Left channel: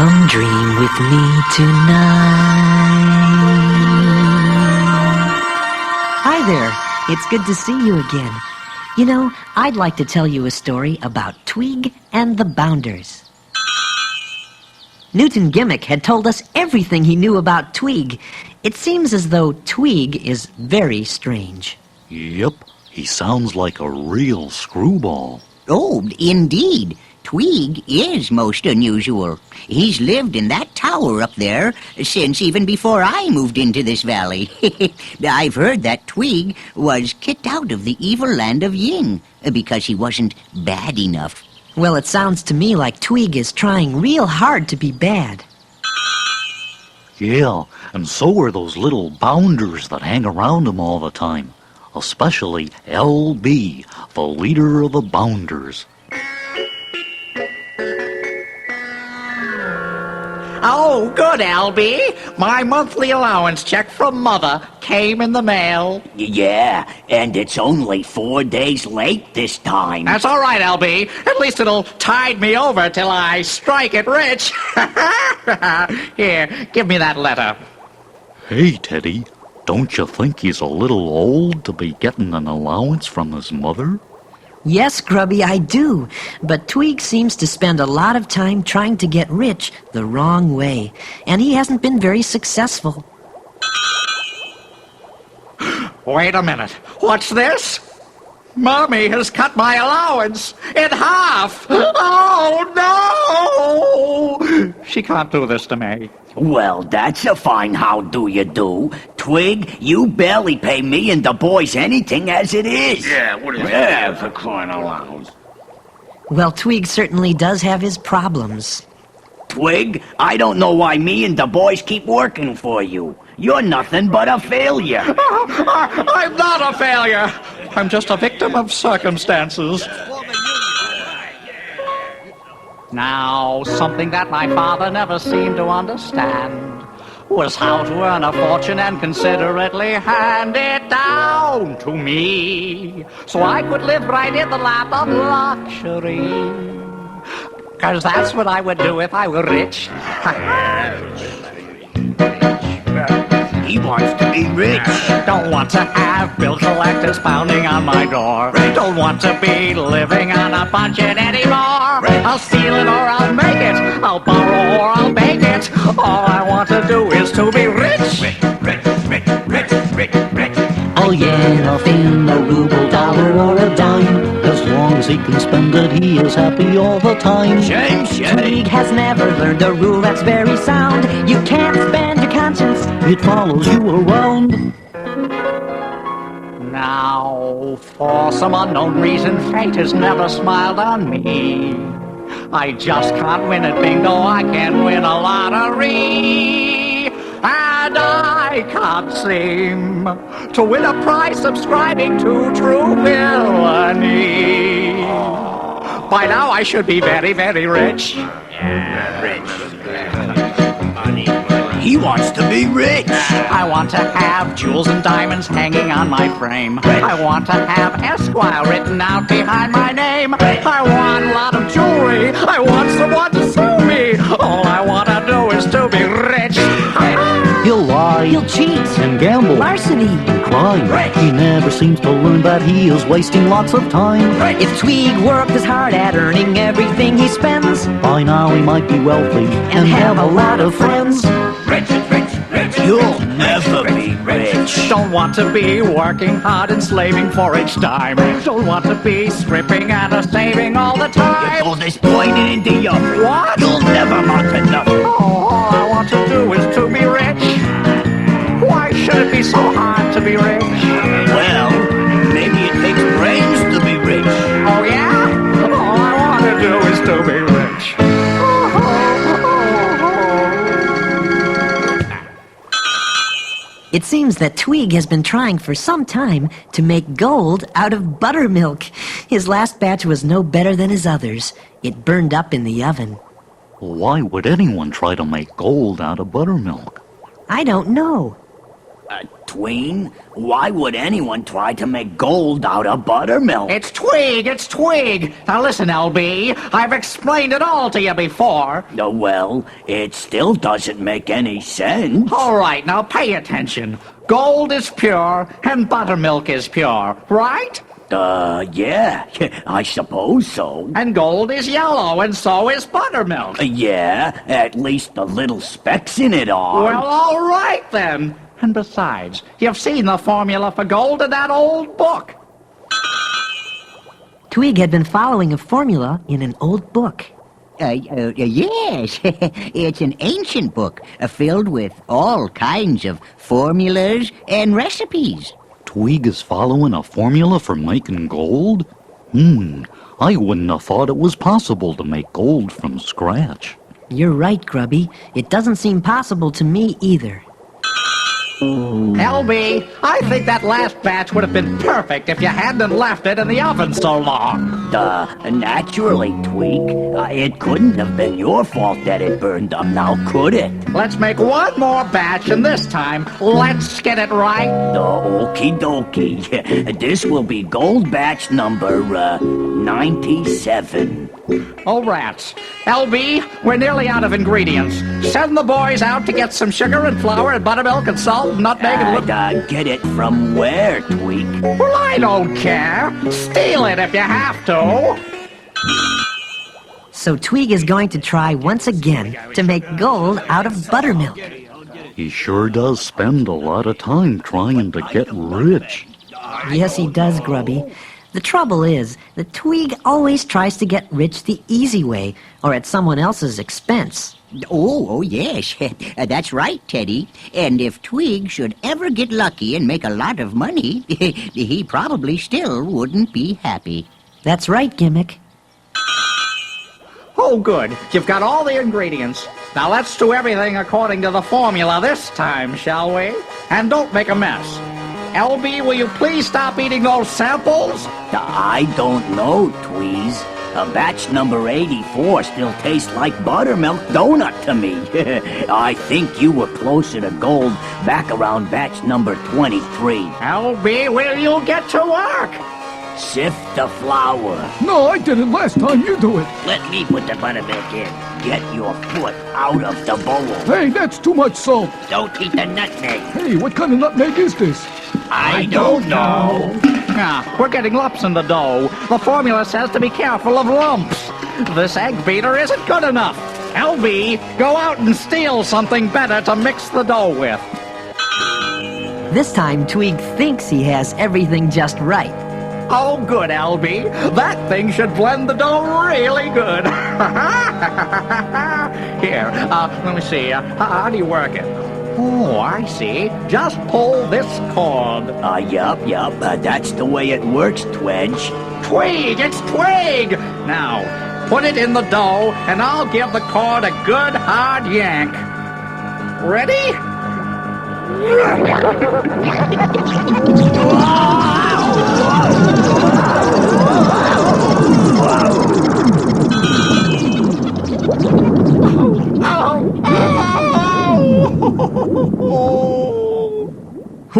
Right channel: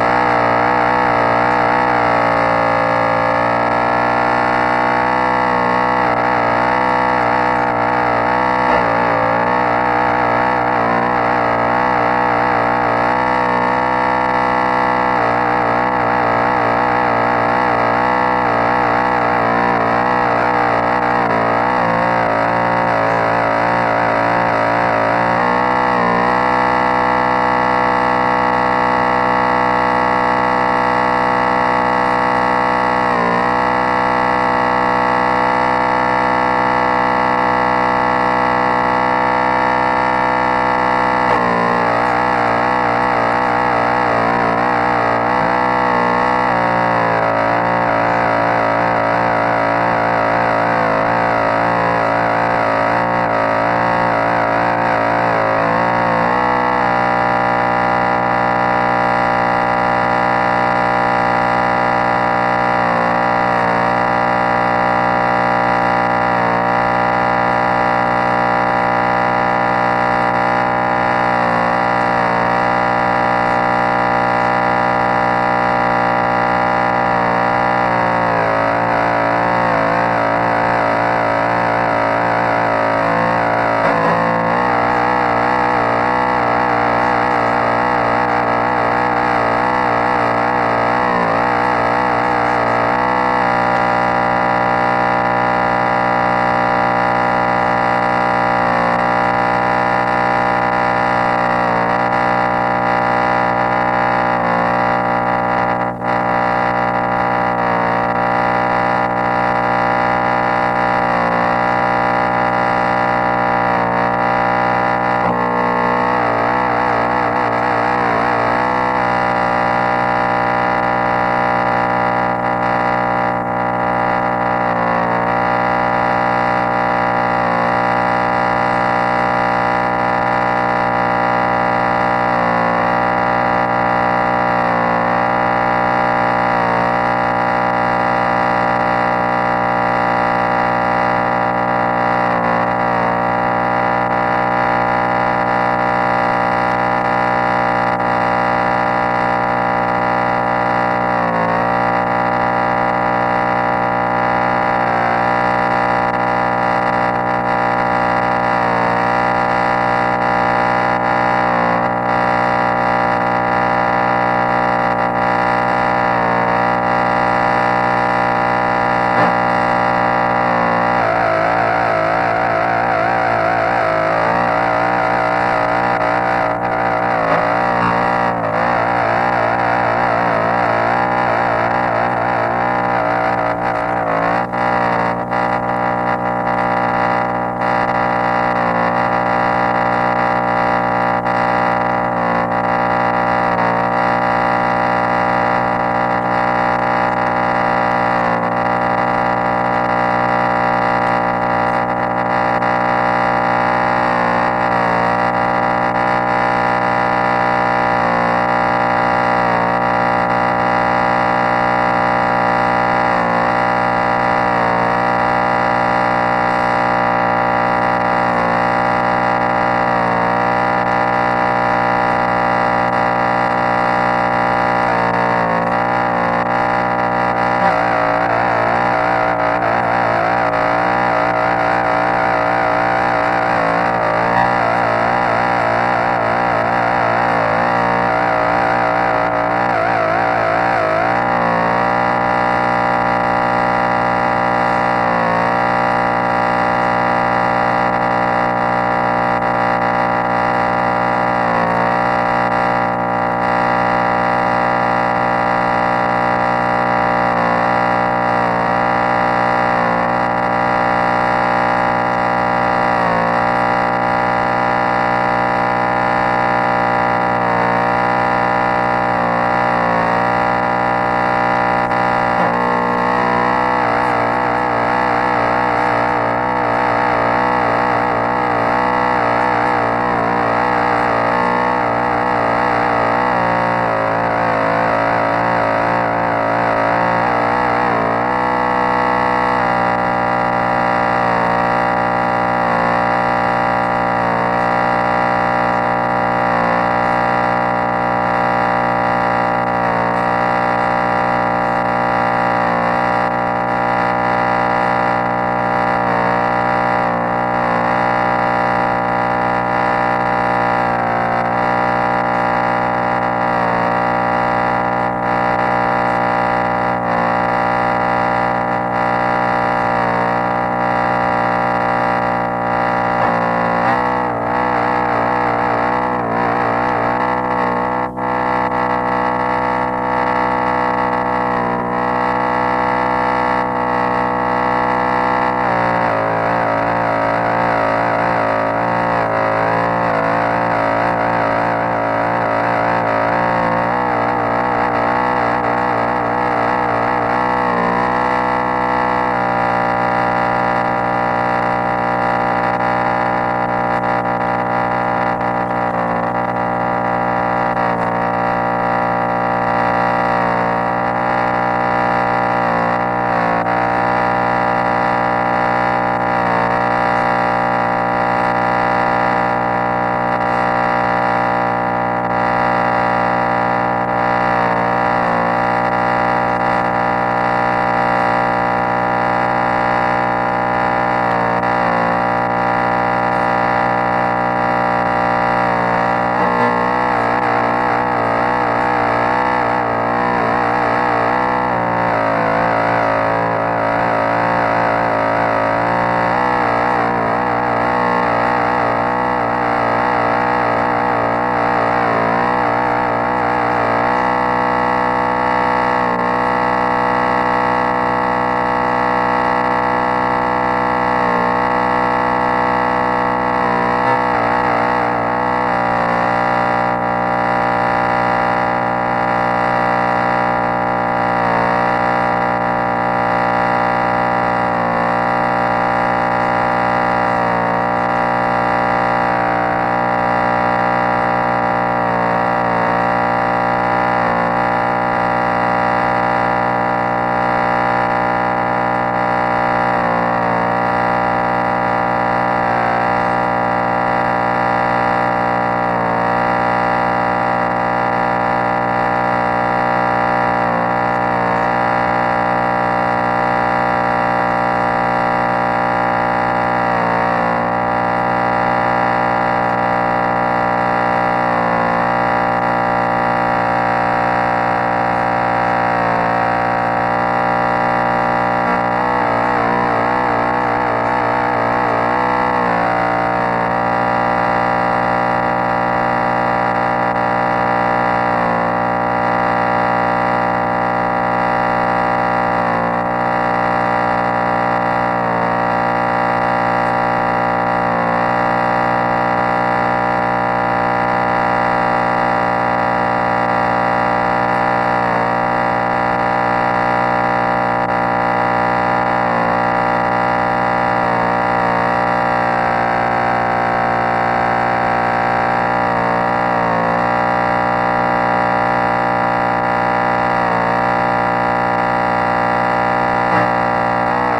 Come dream with me tonight. Hi there. It's good to see you again. You know, I'd like to tell you a story about Tweeg and the Bounders. Newton Gimmick had told us everything he knew about Tweeg. It seems as though Tweeg is very strange. Yep, he sounds like a real screwball. Oh, indeed. Tweeg is most unusual. He's lived in that tower up there since even before I moved into this valley. I've heard that Tweeg was kicked out of the evil land of Yin because he wasn't bad enough. Well, it sounds to me like Tweeg is trying real hard to be bad. Yeah, and so are those little bounders that hang around him all the time. Especially LB, the leader of the bounders. Oh, good, LB. My monthly allowance check from Mother came in the mail. Yeah, and it's only 4 days late this time. That's all right, LB. At least it'll tide me over till I strike it rich. Here, give me that letter. Hey, Teddy, don't you think he's a little old to be getting an allowance from his mother? Yes, Grubby, I do. But Tweeg seems to spend a lot of time trying to get rich the wrong way. And he hasn't been very successful. Wait a minute. What's this? Mommy has cut my allowance in half. Oh, no! She can't do this to me. Well, that's a fine how do you do. Twig, you barely pay me and the boys anything as it is. Well, Tweeg certainly does have his problems. Twig, I don't know why me and the boys keep working for you. You're nothing but a failure. I'm not a failure. I'm just a victim of circumstances. Now, something that my father never seemed to understand was how to earn a fortune and considerately hand it down to me, so I could live right in the lap of luxury. Because that's what I would do if I were rich. He wants to be rich. Don't want to have bill collectors pounding on my door. Don't want to be living on a budget anymore. I'll steal it or I'll make it. I'll borrow or I'll make it. All I want to do is to be rich. Oh yeah, nothing, no ruble, dollar or a dime. As long as he can spend it, he is happy all the time. Tweeg has never learned a rule that's very sound. You can't spend your conscience. It follows you around. Now, for some unknown reason, fate has never smiled on me. I just can't win at bingo. I can't win a lottery. And I can't seem to win a prize subscribing to True Villainy. By now I should be very, very rich. He wants to be rich. I want to have jewels and diamonds hanging on my frame. I want to have Esquire written out behind my name. I want a lot of jewelry. I want someone to sue me. All I want to do is to be rich. He'll lie, He'll cheat. and gamble, Larceny. crime. He never seems to learn that he is wasting lots of time. If Tweeg worked as hard at earning everything he spends, By now he might be wealthy and have a lot of friends. You'll never be rich. Don't want to be working hard and slaving for each dime. Don't want to be scrimping and saving all the time. All this pointing into your What? You'll never want enough. All I want to do is to be rich. Why should it be so hard to be rich? Well, maybe it takes brains to be rich. Oh yeah? All I want to do is to be rich. it seems that Tweeg has been trying for some time to make gold out of buttermilk. His last batch was no better than his others. It burned up in the oven. Why would anyone try to make gold out of buttermilk? I don't know. Tween, Why would anyone try to make gold out of buttermilk? It's Tweeg, it's Tweeg. Now listen, LB, I've explained it all to you before. Well, it still doesn't make any sense. All right, now pay attention. Gold is pure and buttermilk is pure, right? Yeah, I suppose so. And gold is yellow and so is buttermilk. Yeah, at least the little specks in it are. Well, all right then. And besides, you've seen the formula for gold in that old book. Tweeg had been following a formula in an old book. Yes, it's an ancient book filled with all kinds of formulas and recipes. Tweeg is following a formula for making gold? I wouldn't have thought it was possible to make gold from scratch. You're right, Grubby. It doesn't seem possible to me either. LB, I think that last batch would have been perfect if you hadn't left it in the oven so long. Naturally, Tweeg. It couldn't have been your fault that it burned up now, could it? Let's make one more batch, and this time, let's get it right. Okie dokie. This will be gold batch number 97. Oh, rats. LB, we're nearly out of ingredients. Send the boys out to get some sugar and flour and buttermilk and salt and nutmeg and Get it from where, Tweeg? Well, I don't care. Steal it if you have to. So Tweeg is going to try once again to make gold out of buttermilk. He sure does spend a lot of time trying to get rich. Yes, he does, Grubby. The trouble is that Tweeg always tries to get rich the easy way or at someone else's expense. Oh, yes. That's right, Teddy. And if Tweeg should ever get lucky and make a lot of money, he probably still wouldn't be happy. That's right, Gimmick. Oh, good. You've got all the ingredients. Now let's do everything according to the formula this time, shall we? And don't make a mess. LB, will you please stop eating those samples? I don't know, Tweez. Batch number 84 still tastes like buttermilk donut to me. I think you were closer to gold back around batch number 23. LB, will you get to work? Sift the flour. No, I did it last time. You do it. Let me put the buttermilk in. Get your foot out of the bowl. Hey, that's too much salt. Don't eat the nutmeg. Hey, what kind of nutmeg is this? I don't know. Now, we're getting lumps in the dough. The formula says to be careful of lumps. This egg beater isn't good enough. LB, go out and steal something better to mix the dough with. This time, Tweeg thinks he has everything just right. Oh, good, LB. That thing should blend the dough really good. Here, let me see. How do you work it? Oh, I see. Just pull this cord. Yup. That's the way it works, Twedge. Tweeg, it's Tweeg! Now, put it in the dough, and I'll give the cord a good hard yank. Ready?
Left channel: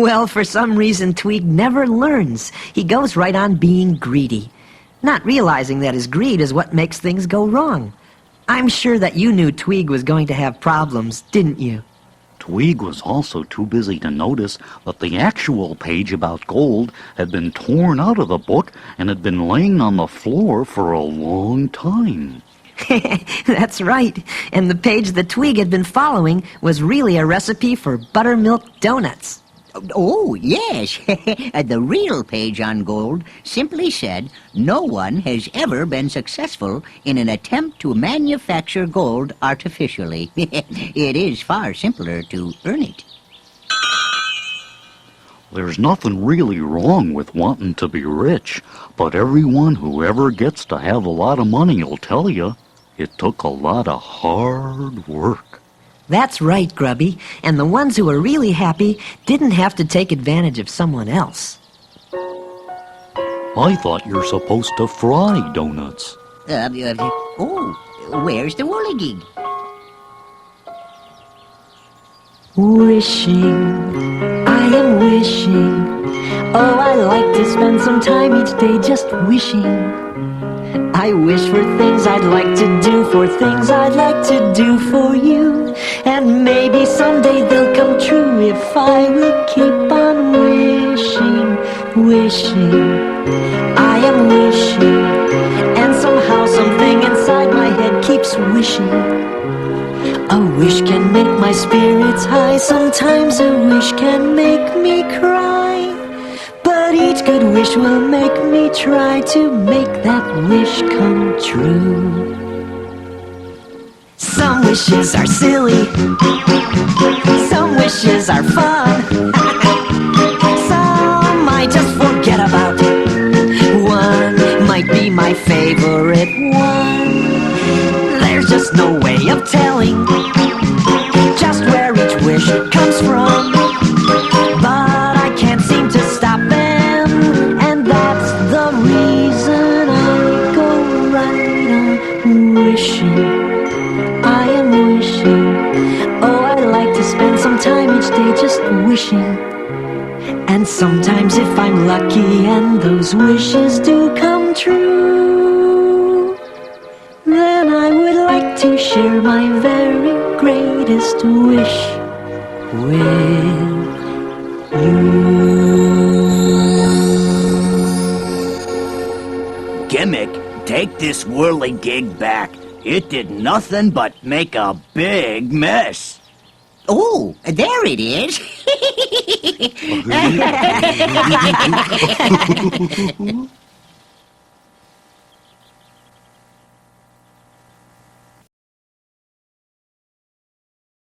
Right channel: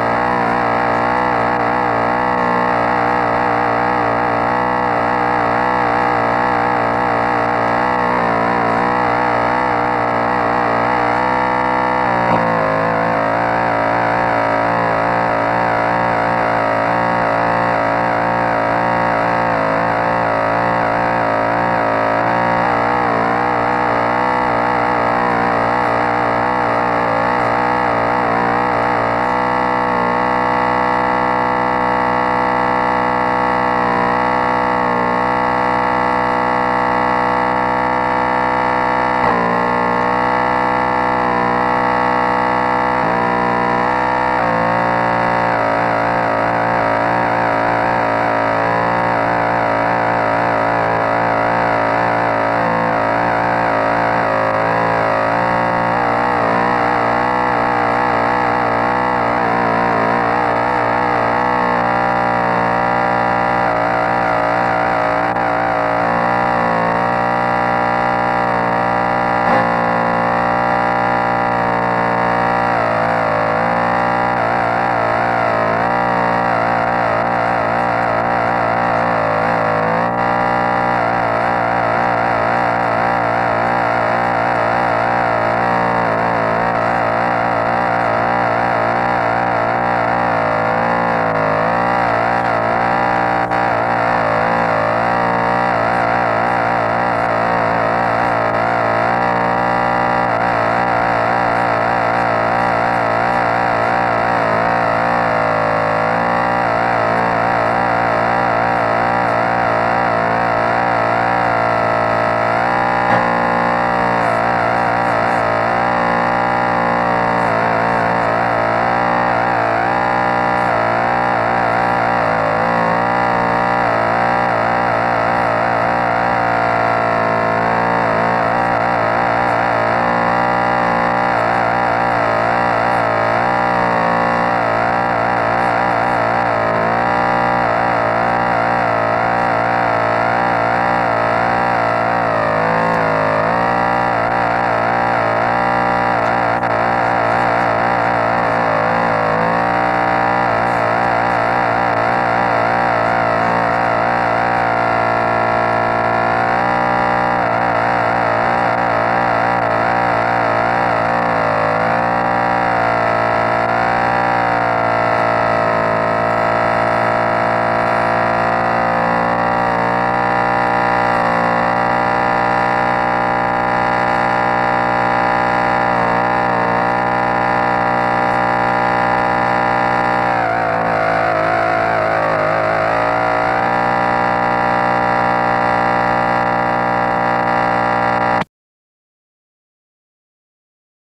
Well, for some reason, Tweeg never learns. He goes right on being greedy, not realizing that his greed is what makes things go wrong. I'm sure that you knew Tweeg was going to have problems, didn't you? But Tweeg was also too busy to notice that the actual page about gold had been torn out of the book and had been laying on the floor for a long time. That's right. And the page that Tweeg had been following was really a recipe for buttermilk donuts. Oh, yes. The real page on gold simply said, no one has ever been successful in an attempt to manufacture gold artificially. It is far simpler to earn it. There's nothing really wrong with wanting to be rich, but everyone who ever gets to have a lot of money will tell you it took a lot of hard work. That's right, Grubby. And the ones who were really happy didn't have to take advantage of someone else. I thought you're supposed to fry donuts. Where's the whirligig? Wishing, I am wishing Oh, I like to spend some time each day just wishing. I wish for things I'd like to do, for things I'd like to do for you. And maybe someday they'll come true if I will keep on wishing, wishing. I am wishing, and somehow something inside my head keeps wishing. A wish can make my spirits high, sometimes a wish can make me cry. But each good wish will make me try to make that wish come true. Some wishes are silly, some wishes are fun. Some I just forget about. One might be my favorite one. There's just no way of telling just where each wish comes from. But I can't seem to stop them, and that's the reason I go right on wishing. I am wishing. Oh, I like to spend some time each day just wishing. And sometimes if I'm lucky and those wishes do come true, then I would like to share my very greatest wish with you. Gimmick, take this whirligig back. It did nothing but make a big mess. Oh, there it is.